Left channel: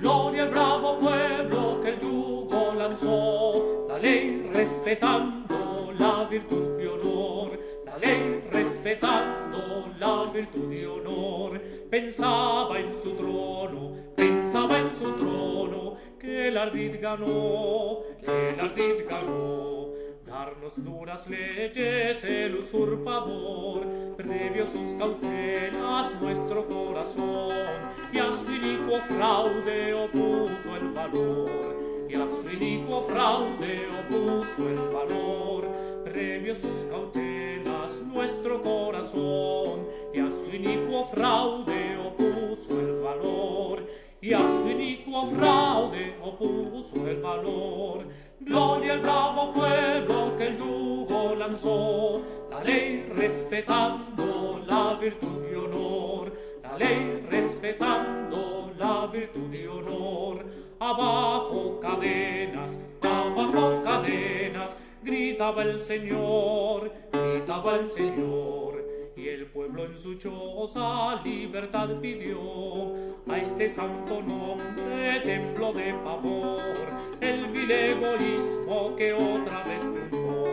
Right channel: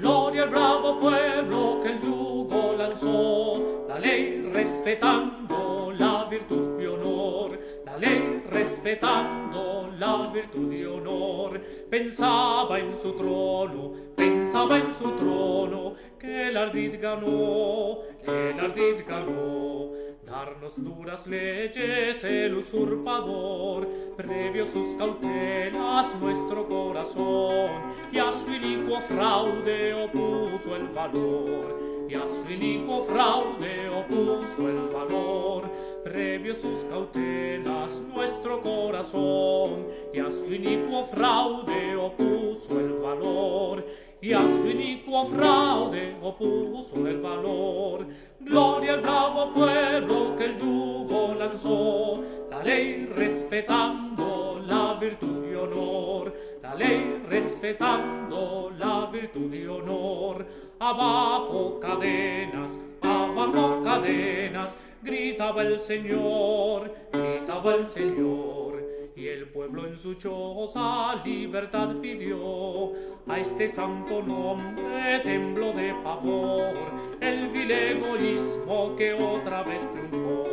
Gloria al bravo pueblo que el yugo lanzó, la ley respetando la virtud y honor, la ley respetando la virtud y honor. Pensaba en su trono, que el ardid ganó, darnos duras leyes el usurpador, previo sus cautelas nuestro corazón, y a su inicuo fraude opuso el valor, y a su inicuo fraude opuso el valor, previo sus cautelas nuestro corazón, y a su inicuo fraude opuso el valor, y a su inicuo fraude opuso el valor. Gloria al bravo pueblo que el yugo lanzó, la ley respetando la virtud y honor, la ley respetando la virtud y honor. Abajo cadenas, gritaba el Señor, y el pueblo en su choza libertad pidió. A este santo nombre tembló de pavor el vil egoísmo que otra vez triunfó,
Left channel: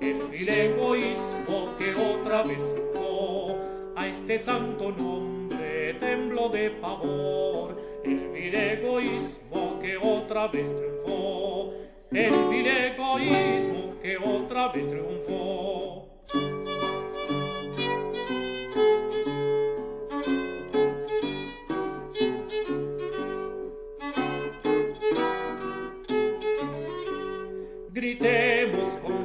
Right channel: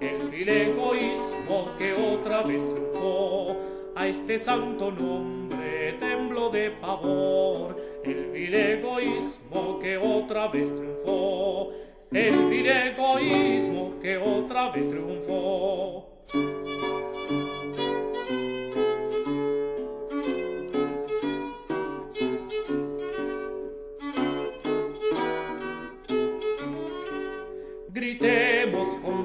el vil egoísmo que otra vez triunfó. A este santo nombre tembló de pavor el vil egoísmo que otra vez triunfó, el vil egoísmo que otra vez triunfó. Gritemos con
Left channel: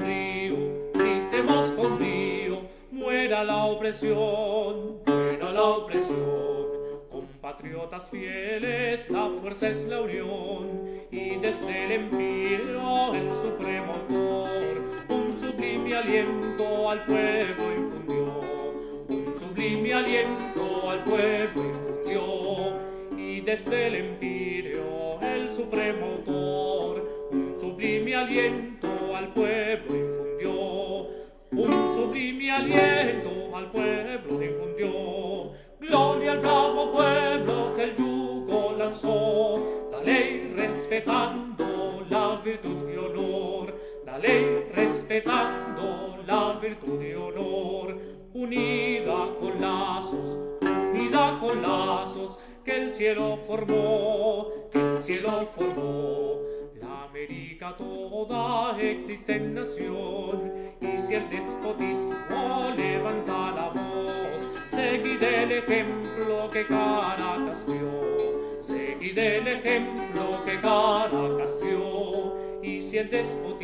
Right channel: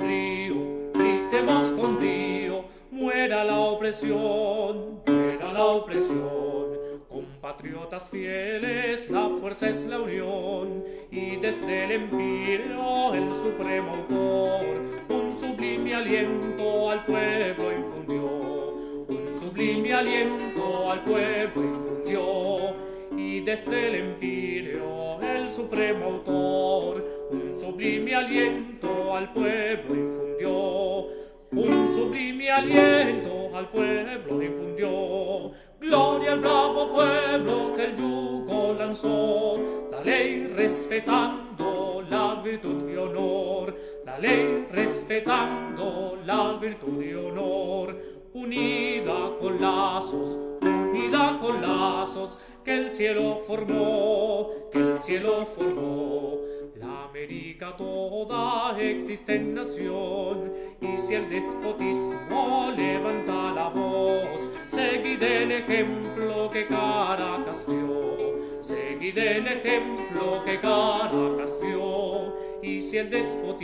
brío, muera la opresión, compatriotas fieles, la fuerza es la unión, y desde el empirio el supremo autor, un sublime aliento al pueblo infundió, un sublime aliento al pueblo infundió, y desde el empirio el supremo autor, un sublime aliento al pueblo infundió, un sublime aliento al pueblo infundió. Gloria al bravo pueblo que el yugo lanzó, la ley respetando la virtud y honor, la ley respetando la virtud y honor. Unida con lazos, que el cielo formó, la América toda existe en nación, y si el despotismo levanta la voz, seguid el ejemplo que Caracas dio, seguid el ejemplo que Caracas dio, y si el despotismo